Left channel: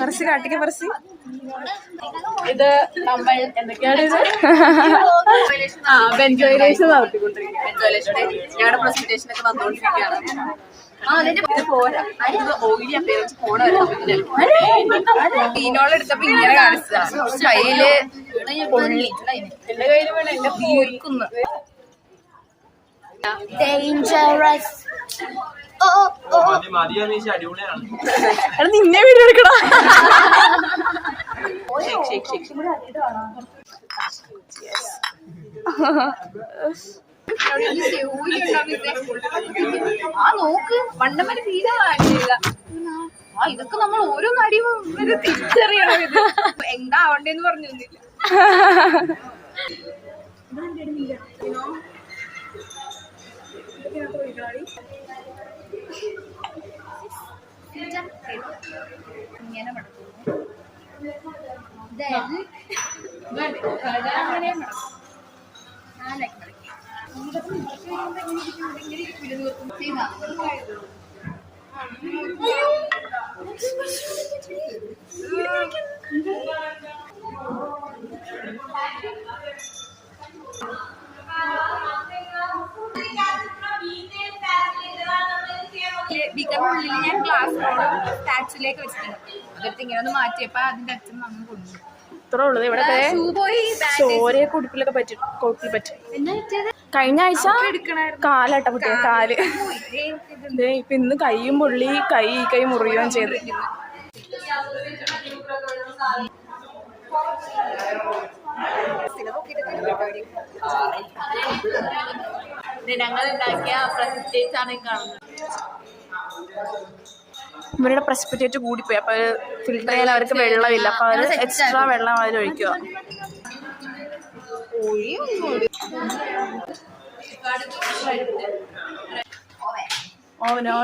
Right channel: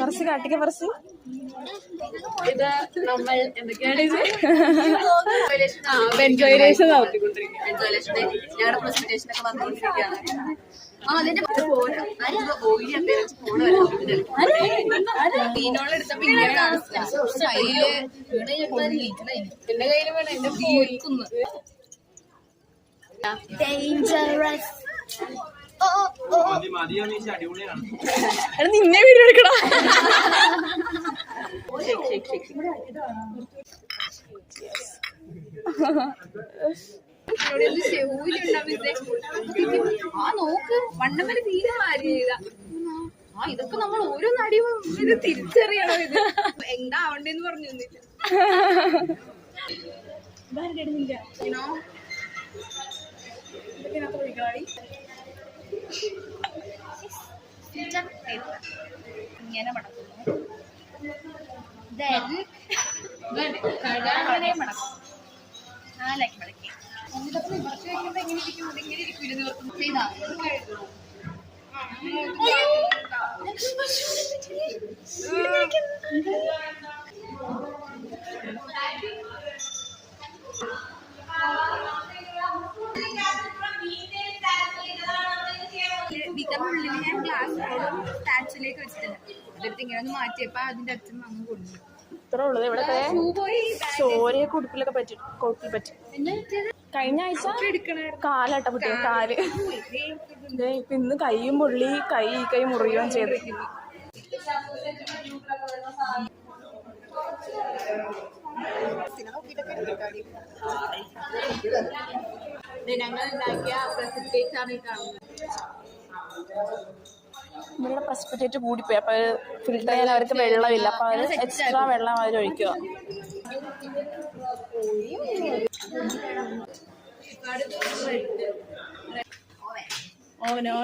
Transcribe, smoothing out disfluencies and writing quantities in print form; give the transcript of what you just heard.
പറച്ച് കാട്ടിക്ക് പറച്ച്. ഇത് നമ്മൾ എന്തൊക്കെയാണ് വെന്റിലേഷൻ നടത്തിക്കൊണ്ടിരിക്കുന്നത്. വെന്റിലേഷന്റെ ഞങ്ങളുടെ പ്രസന്റേഷൻ ഒക്കെ വന്നുകൊണ്ടിരിക്കുകയാണ്. ഓയിലി അപ്പിയറൻസ് ഫോൺ ടീനോളെടുത്തപ്പോ ഇങ്ങനെ കാണിച്ചതാ. കയ്യില് പൊള്ളി, എന്റെ കയ്യില് വേണം എന്റെ വീർക്കുന്നു. നിന്നെ വീഡിയോ എടുക്കടാ. നോക്ക് മണ്ടമ്മന് തീരെ ആയില്ല. ഇതൊക്കെ നമ്മൾ ഓരോ നടിയും തിരിച്ചറിയണം. ഇത് എന്താ ആവണ്ടേന്ന് പറഞ്ഞു ഇങ്ങനെ മടക്കും. അങ്ങനെ മടക്കും. നാലാക്കി മടക്കി ഇങ്ങനെ ഇരിക്കും. ചെയ്താ ബീക്കറിനുള്ളിൽ ഞാൻ ഗ്ലാസ് സ്റ്റാച്ചിലേക്ക് വെച്ചിട്ടുണ്ട്. അതെടുത്ത് ഇങ്ങനെ ഒന്ന് മാറ്റിയപ്പോ അതിന്റെ അച്ഛൻ അങ്ങ് കൊണ്ടു. ഇത്രേ ഉള്ളത്. ഇവിടെ ചോരയെ കുടിപ്പിലൊക്കെ കൊട്ടിൽ പറ്റും. കഴിഞ്ഞ ആഴ്ച കാലട്ട കുട്ടിയ കാല്. ഇപ്പൊ ഇന്ന് കൈയും പൊള്ളി, കൈ മുറിയുകയും ചെയ്തിരിക്കുന്നു. ഞങ്ങൾ ഉണ്ടാക്കിയ പ്രസന്റേറ്റ് ആണ് കാണുന്നത്. ഇവരുടെ പ്രസിപ്പിറ്റേറ്റ് കൂടിപ്പോയി. അപ്പൊ ഫിൽറ്റർ ചെയ്യാൻ അവർക്ക് വെള്ളമില്ല. അപ്പൊ അവർ എക്സ്ട്രാ വെള്ളം അതിൽ ഒഴിക്കുക. Oh no.